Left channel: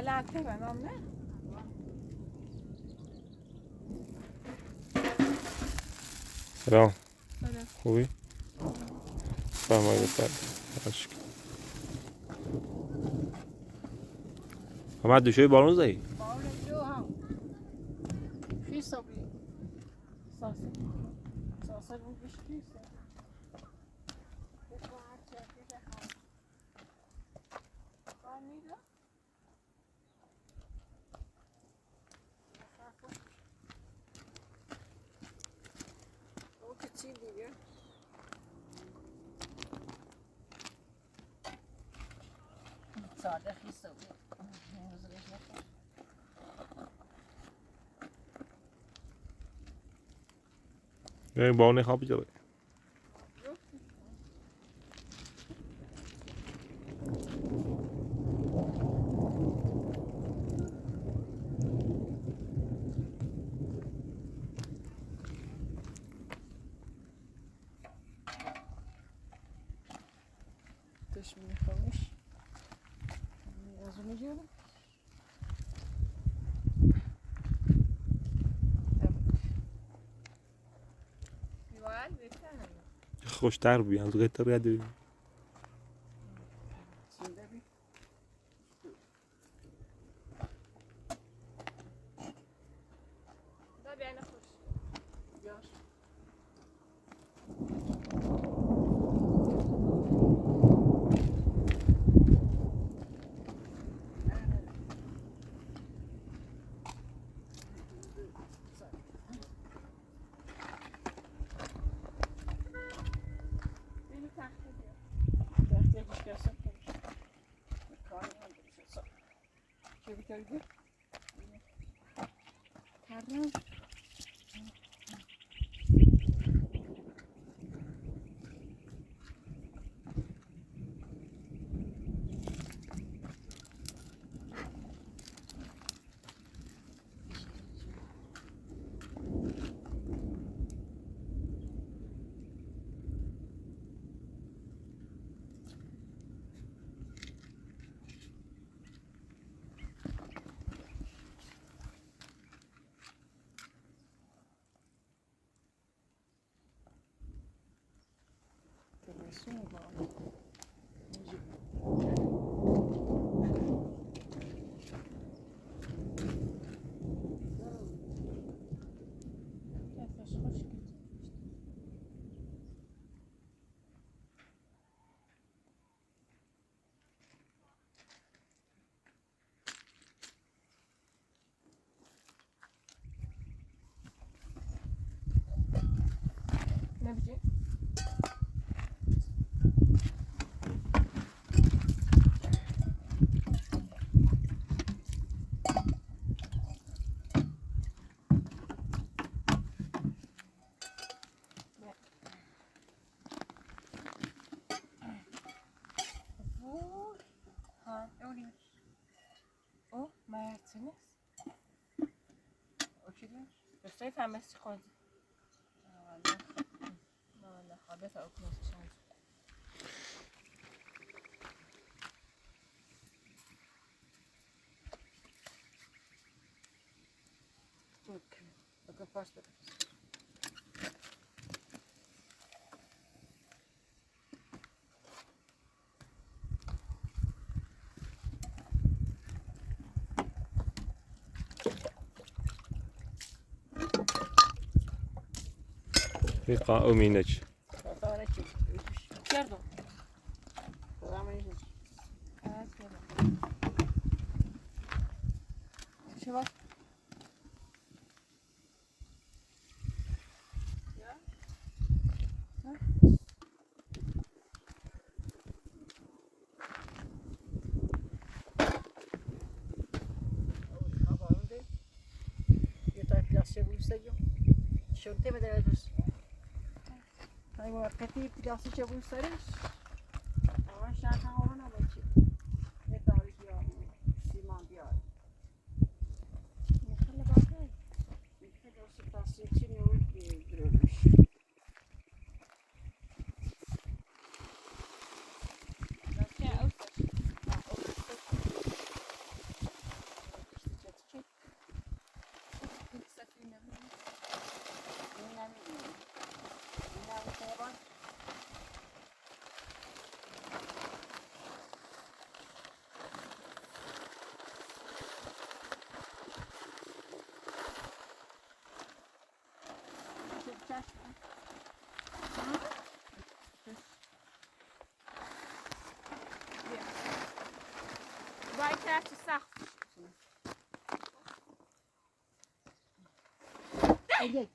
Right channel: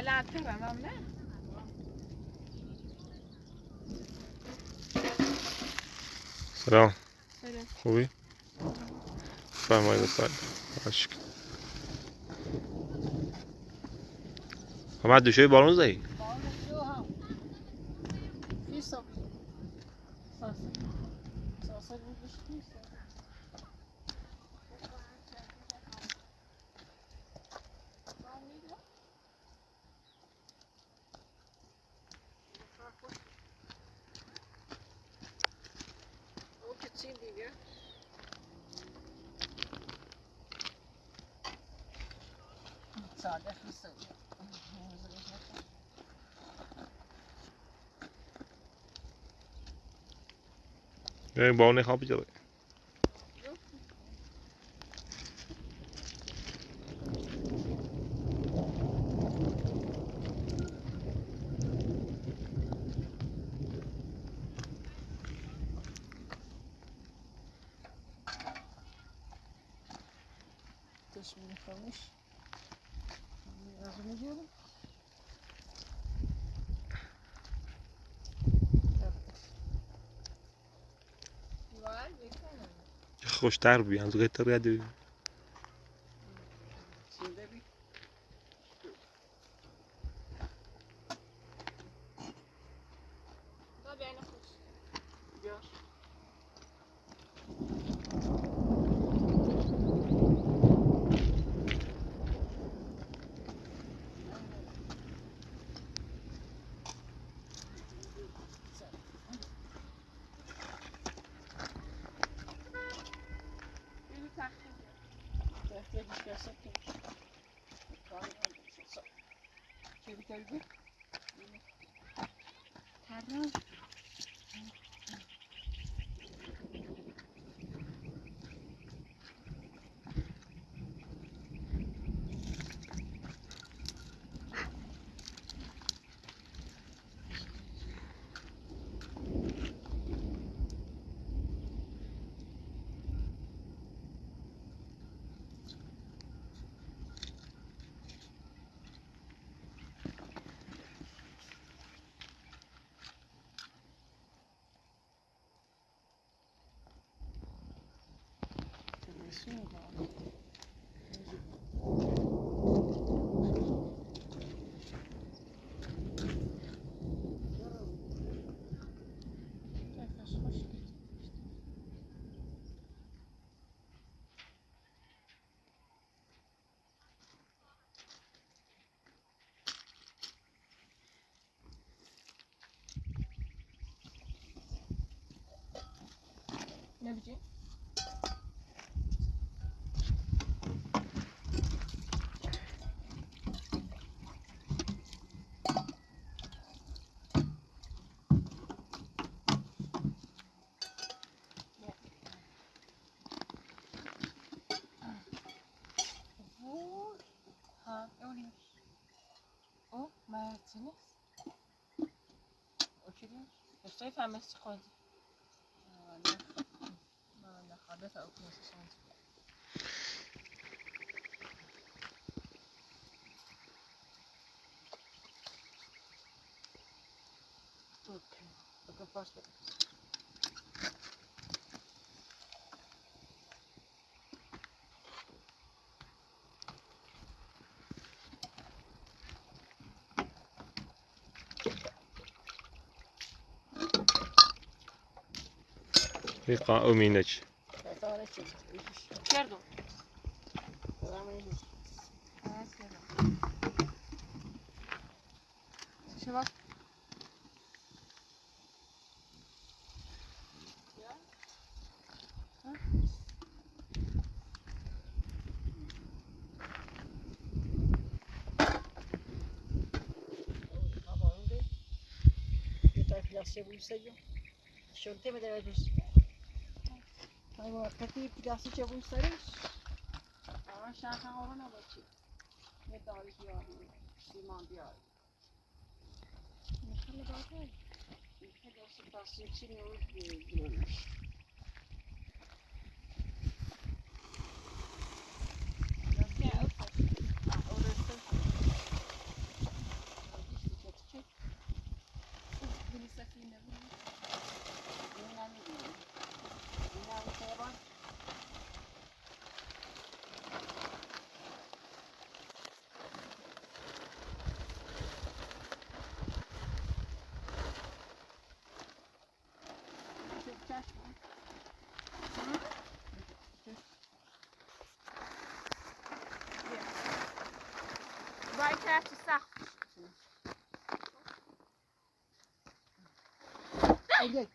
لعنتی بندم نه؟ سلام. سلام. خوبی؟ فرمایید بفرد. عشق. همه دوشای بالون زدی؟ بالون جو هم. فی صبی. ساسه بود بشی. چی دیگه؟ ساده خیسته بود. این بالون خواب جا بود. Też mi komuś. Rozumiecie? Igual, ¿viste? خوشتر بی از غیر تر یادی. Ne biçim? Ha, öyle. O, Mert'iniz. O kimin? Göstereyim fehmesi çıkıyordu. Ne haber ta okuması şans. Okay. Bakın başla. Liqa uminek. Pardon. Şu bak. Şunte mi demek? Ay bu arkadaki plası çabuk sarış. Ama şarkı olan ama ki. Ne tarih ya? Siman bir ay. Ne kadar bakay. Ne kadar su plası için yol görülmüş. هرچی سخت ایده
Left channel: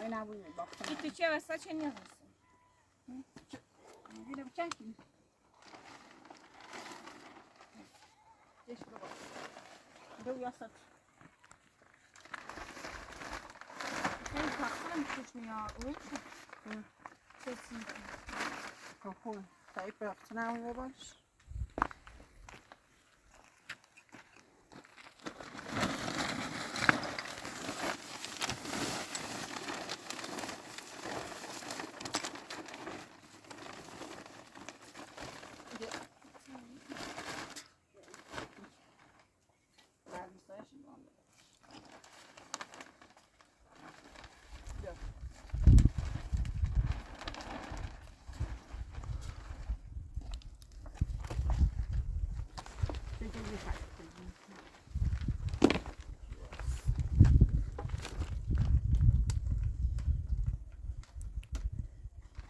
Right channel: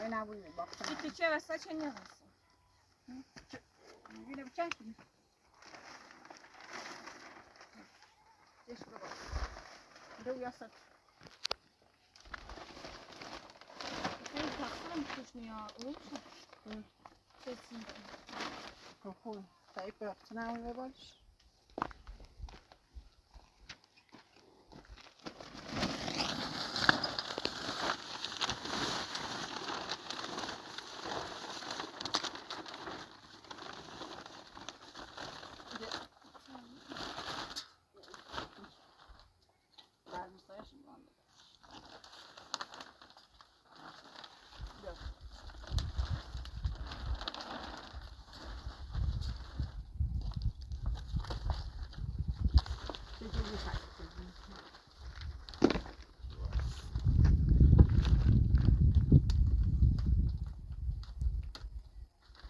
این نبوده باختم این تیچه وسط چه نیست اینه بکن کنی دیش بگو دو یاست خیلی تقصیرم خوش میاد اوی چه کسی خوب تایی باخت نبوده باش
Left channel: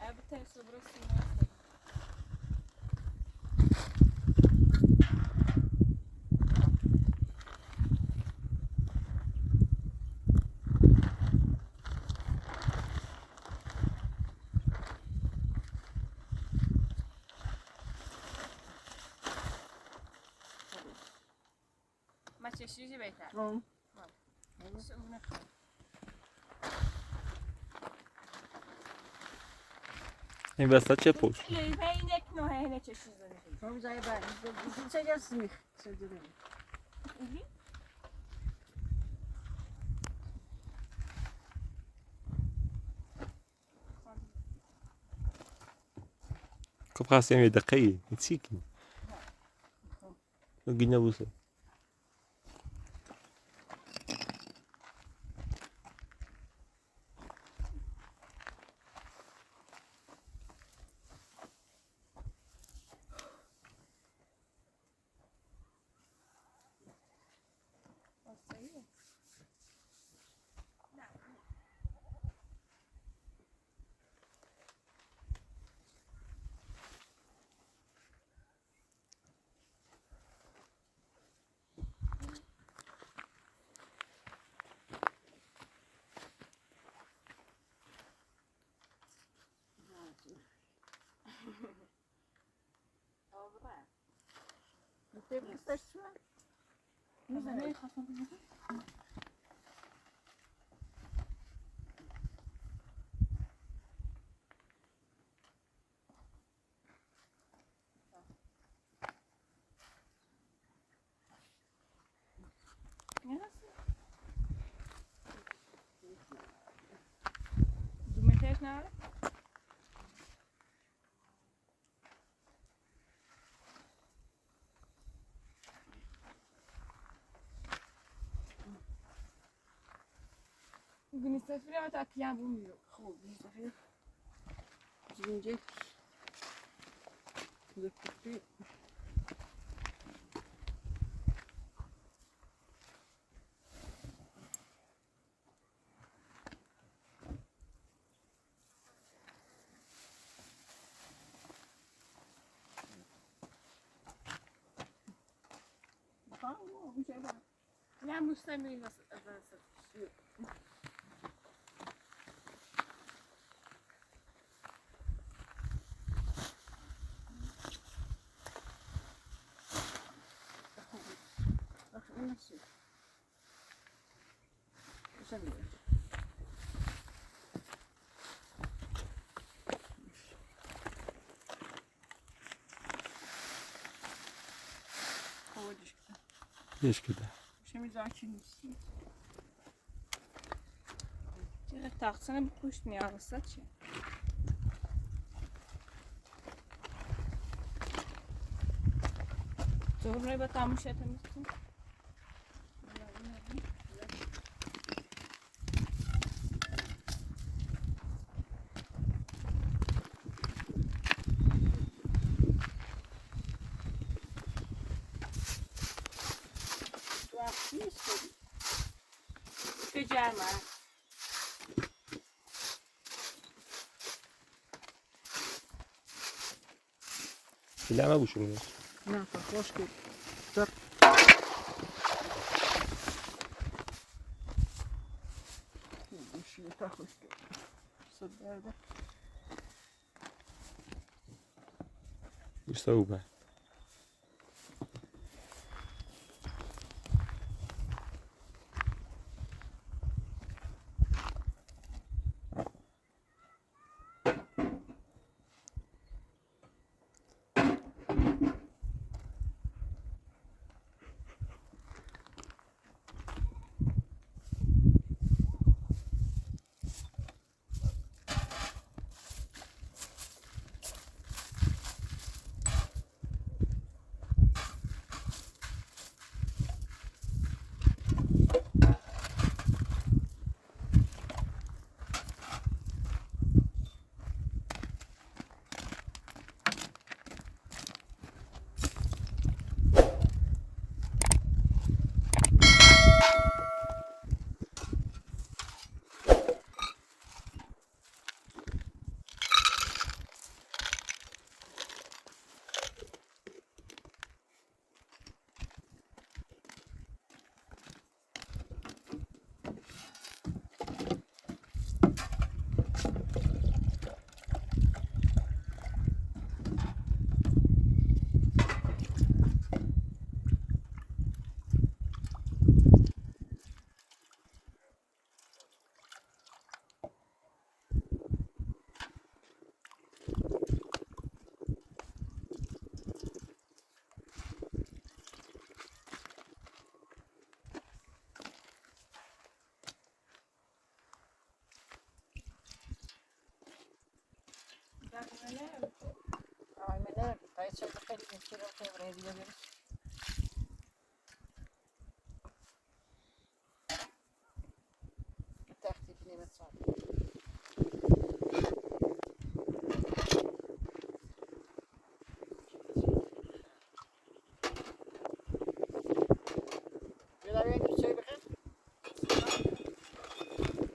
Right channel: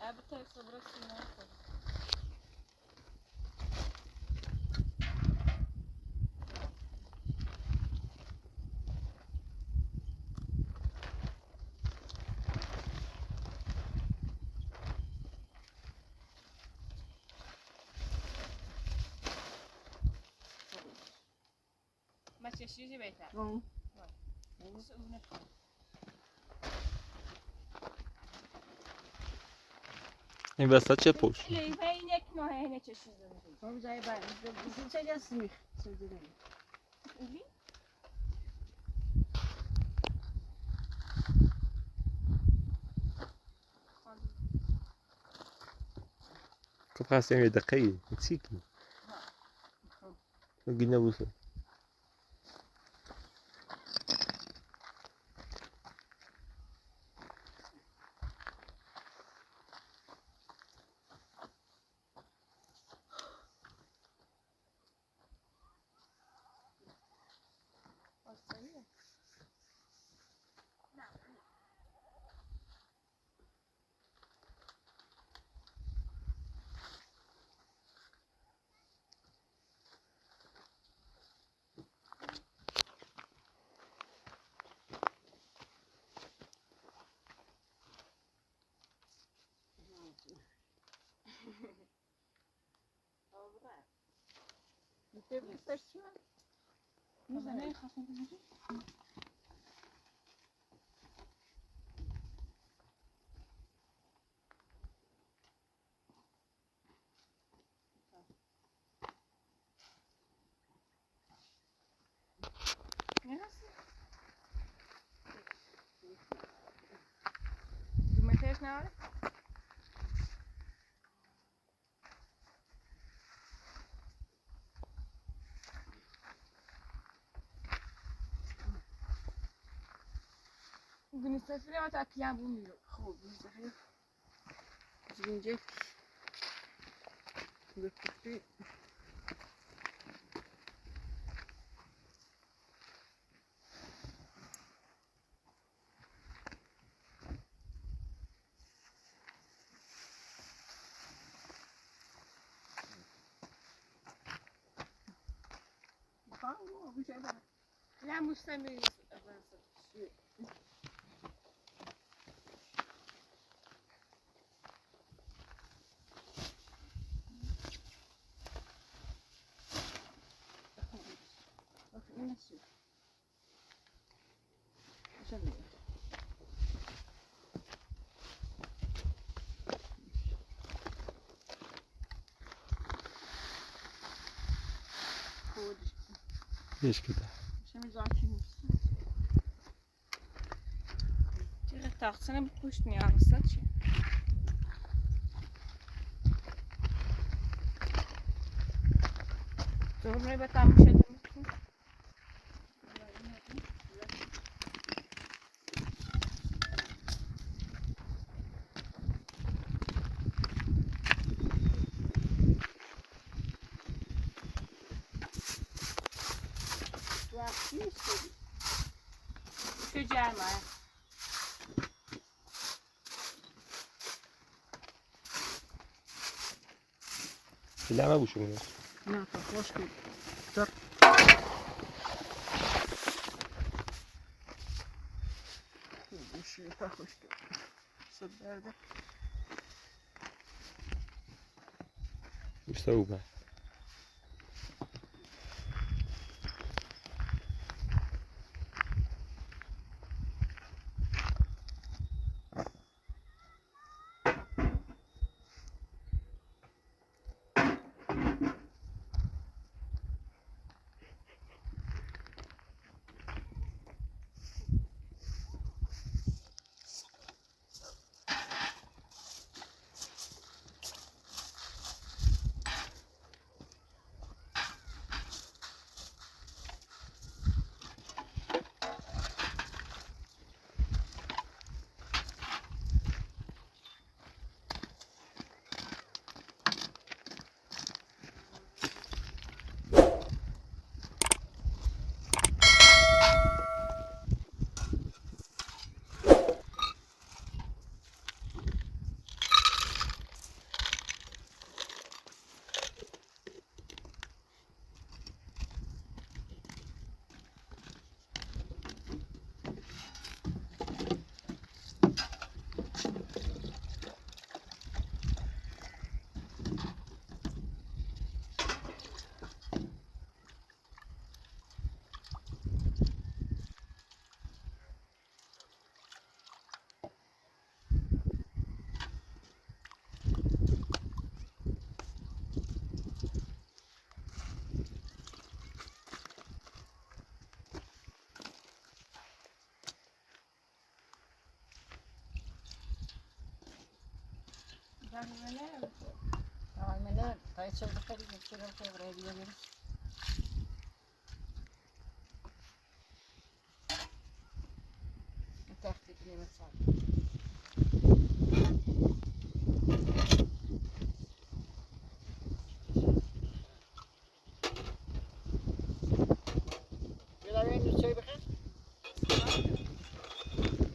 البته صبر سینه ما چشیجی بهتر نمیشه اون این وسط چه پوش؟ لیوه این یک نوعه اینه چشیز داره هم زای بر چه گسمی سجده اولی؟ كيف خاص يعمل دقيق نسيكي قلنا بوسه Ты выстачила? Не знаю, я хочу посмотреть. Думаешь, надо? بنستفيد ما تأكيا بوميو خوب بنستفيد زنجيل بكتي لا مستمر نفسي سمي ليش كده مش مزاكين چرا تاقصنه بکشت میارسته چه تو همه با تموشه دمیتون تو جمعه لما بوشونه. نه خوش که در بوشی تا خوش که صد درده بستوبه. Aynen. Kayıt çaldı kari geçiyor buraya gidiyoruz. Taktik ne mesela? Biraz önce çay bakın.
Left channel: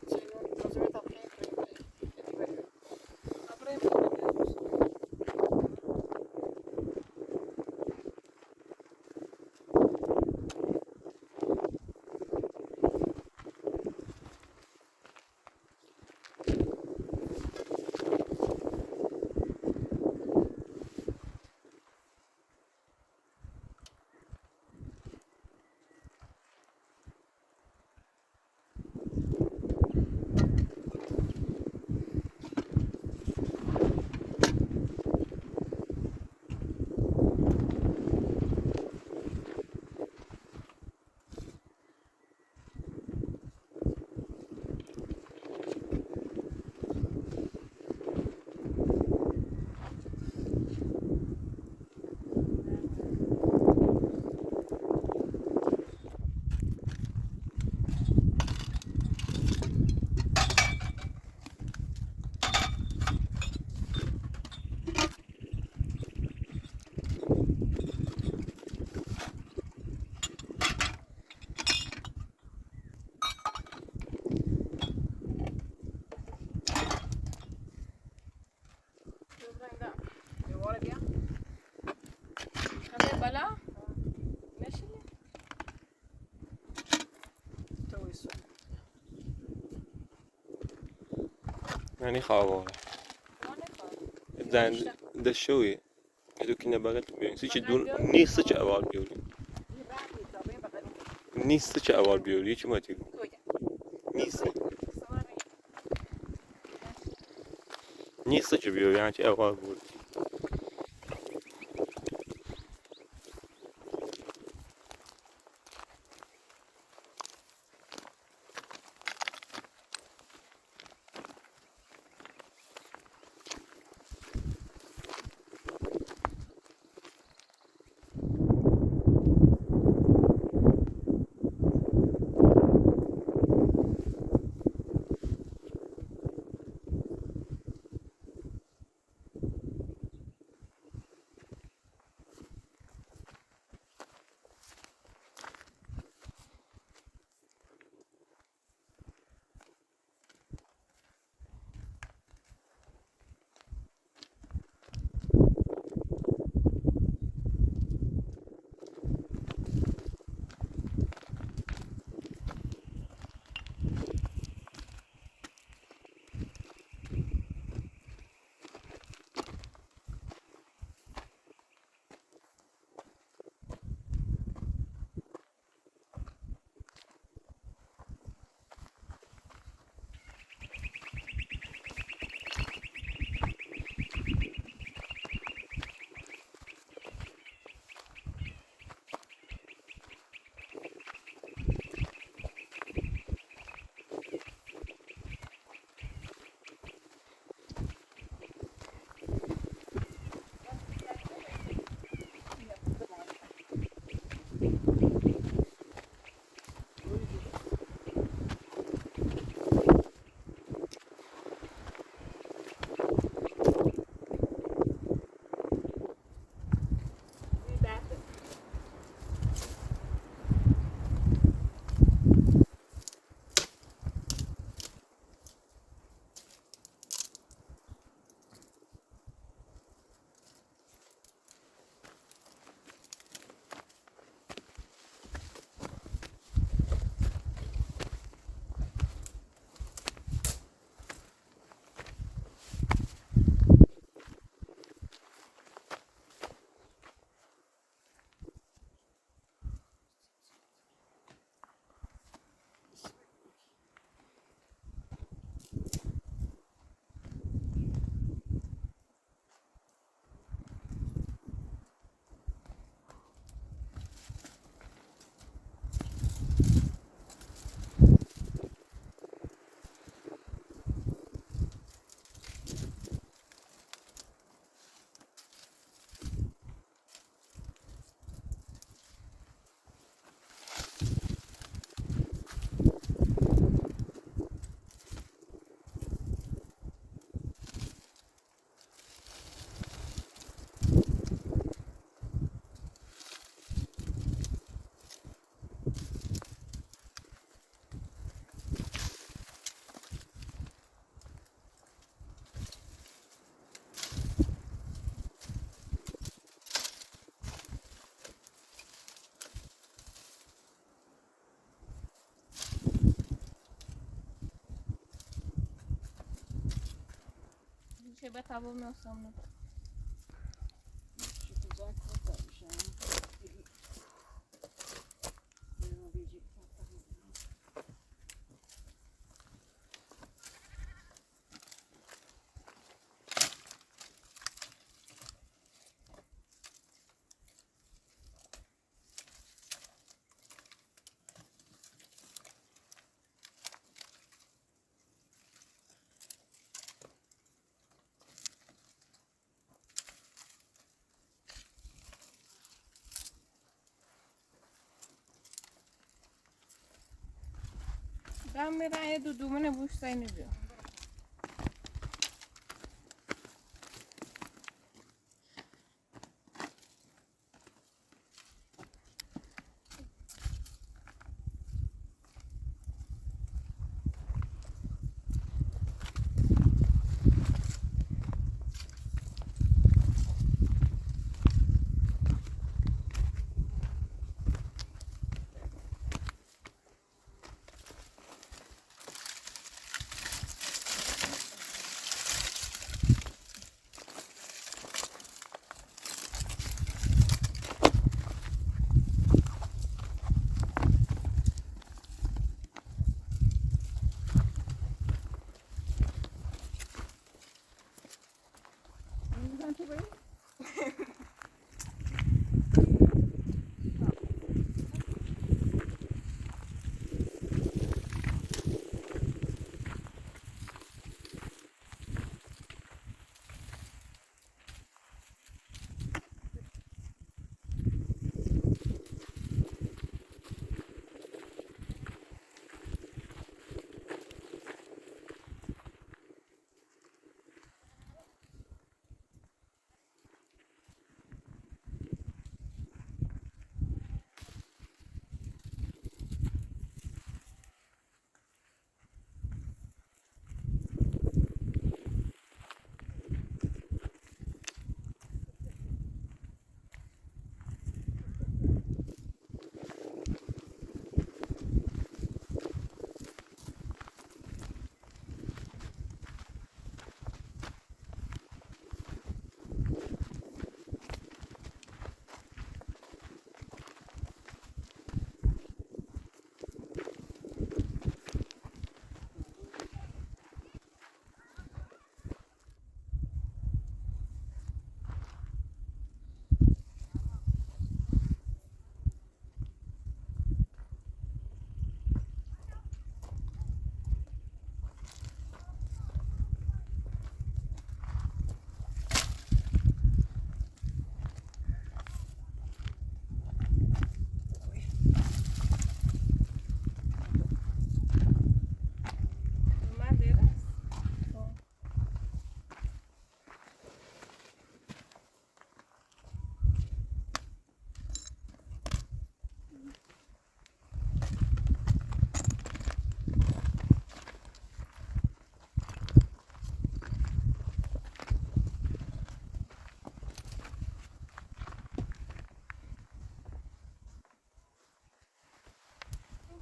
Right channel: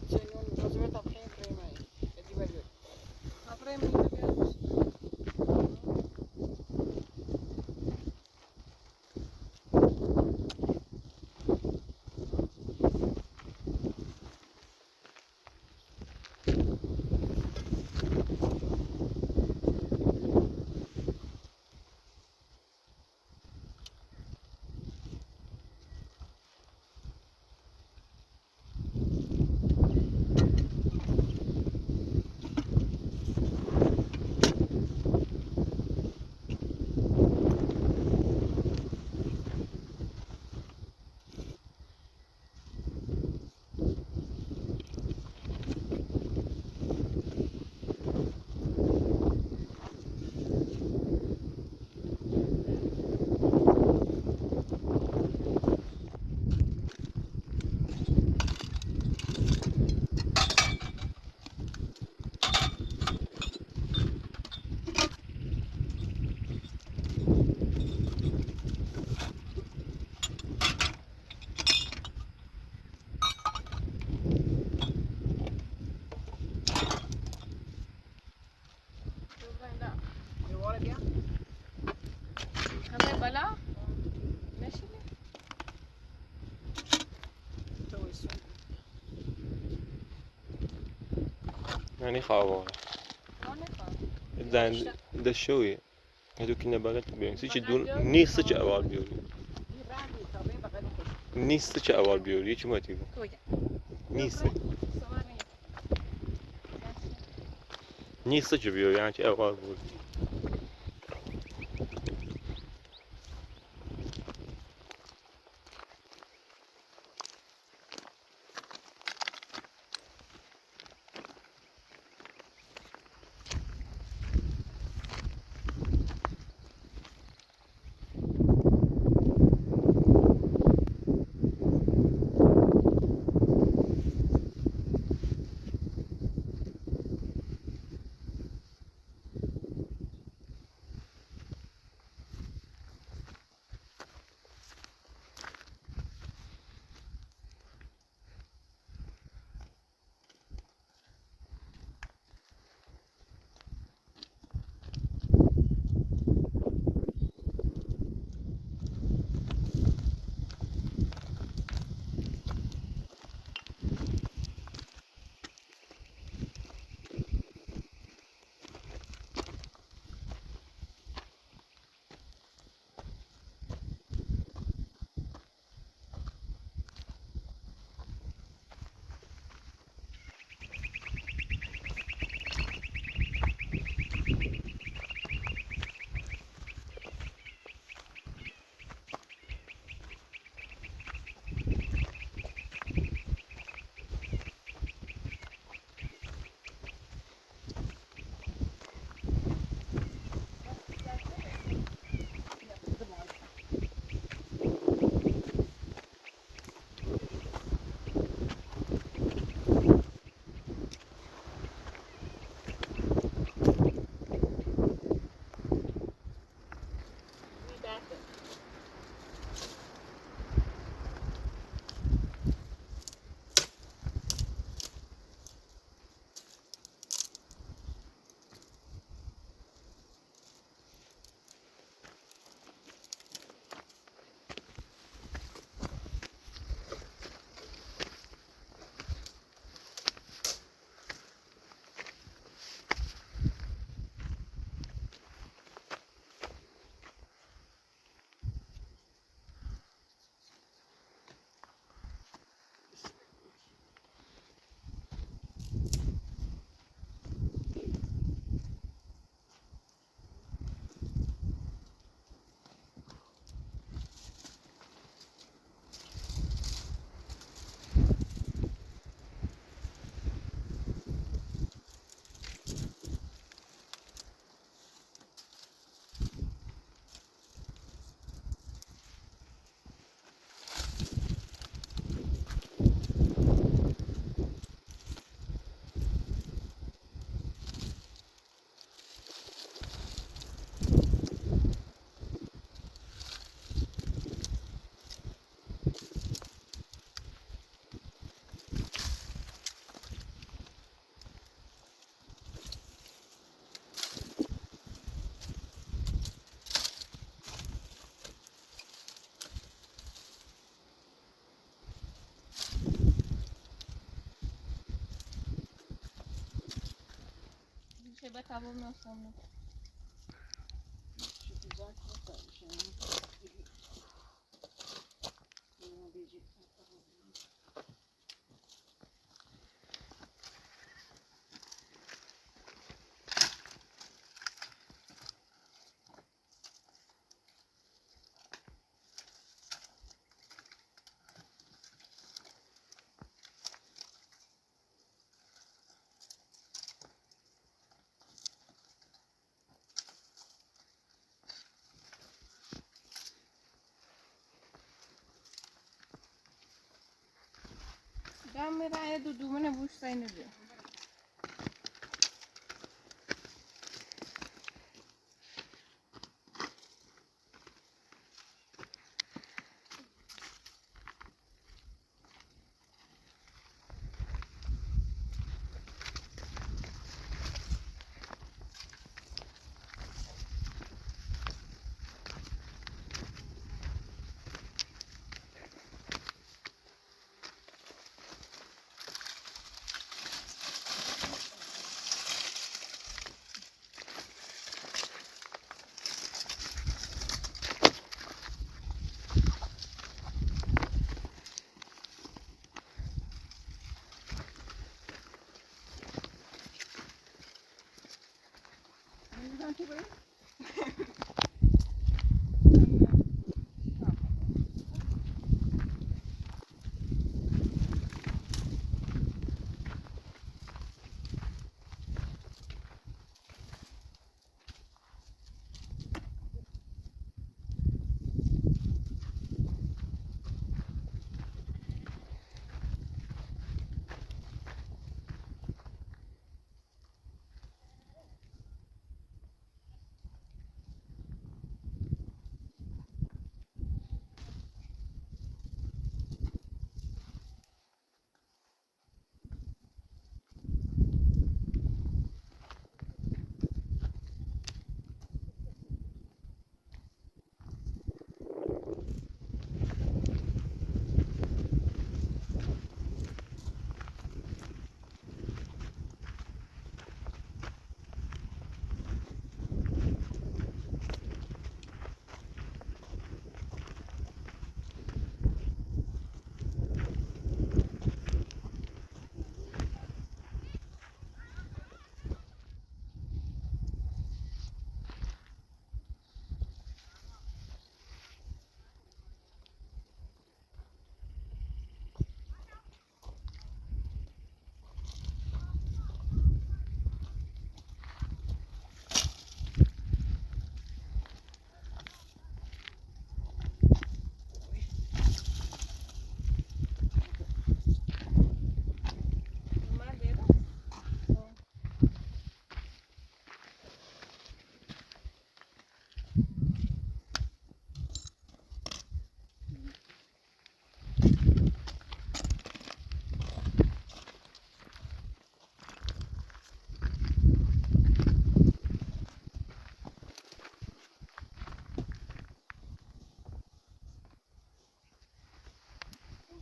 Çayın tozunu tapayım buraya. Eti veriyor. Aferin. بالا نشینه یعنی خوابه. زن دشویه. هدو کنه بغل بیان. سیچ دون نیست چه اول بیاری. نیست چه اول بیاری چی ماتی؟ نیست. نیست چه بیاری یعنی چه اول بیاری. بتابو می‌سوزم. چی بزرگ هستش؟ Ben merak ediyorum ne bu sayını diyor.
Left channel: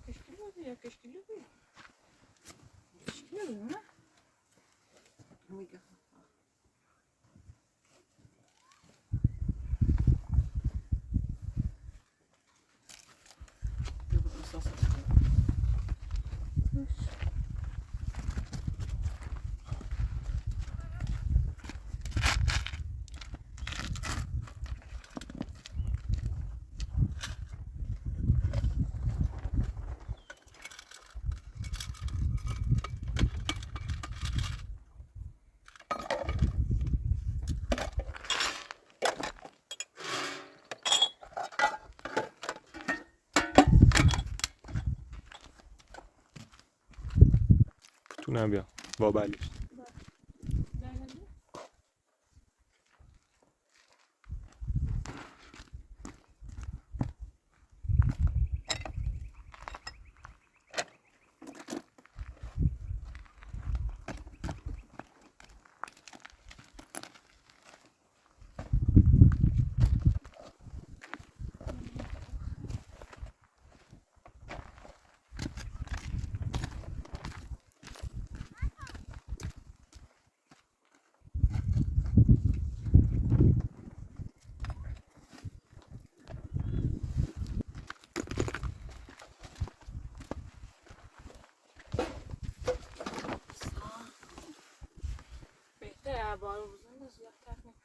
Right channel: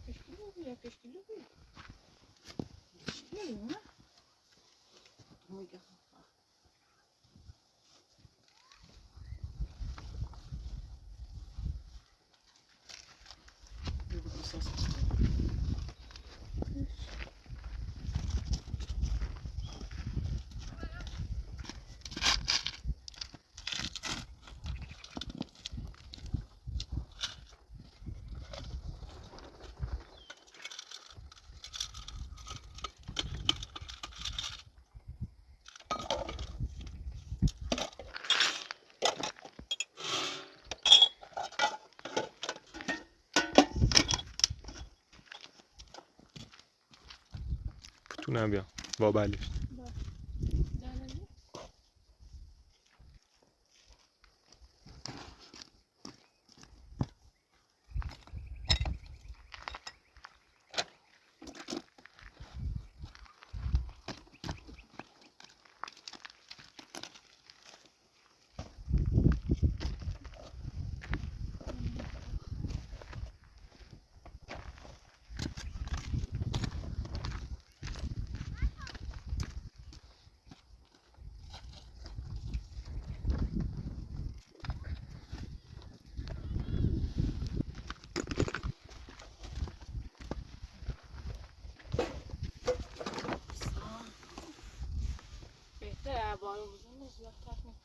Teşekkürler. Teşekkür ederim. Amiga. میتونم بیام با بلیش. Allah تخمین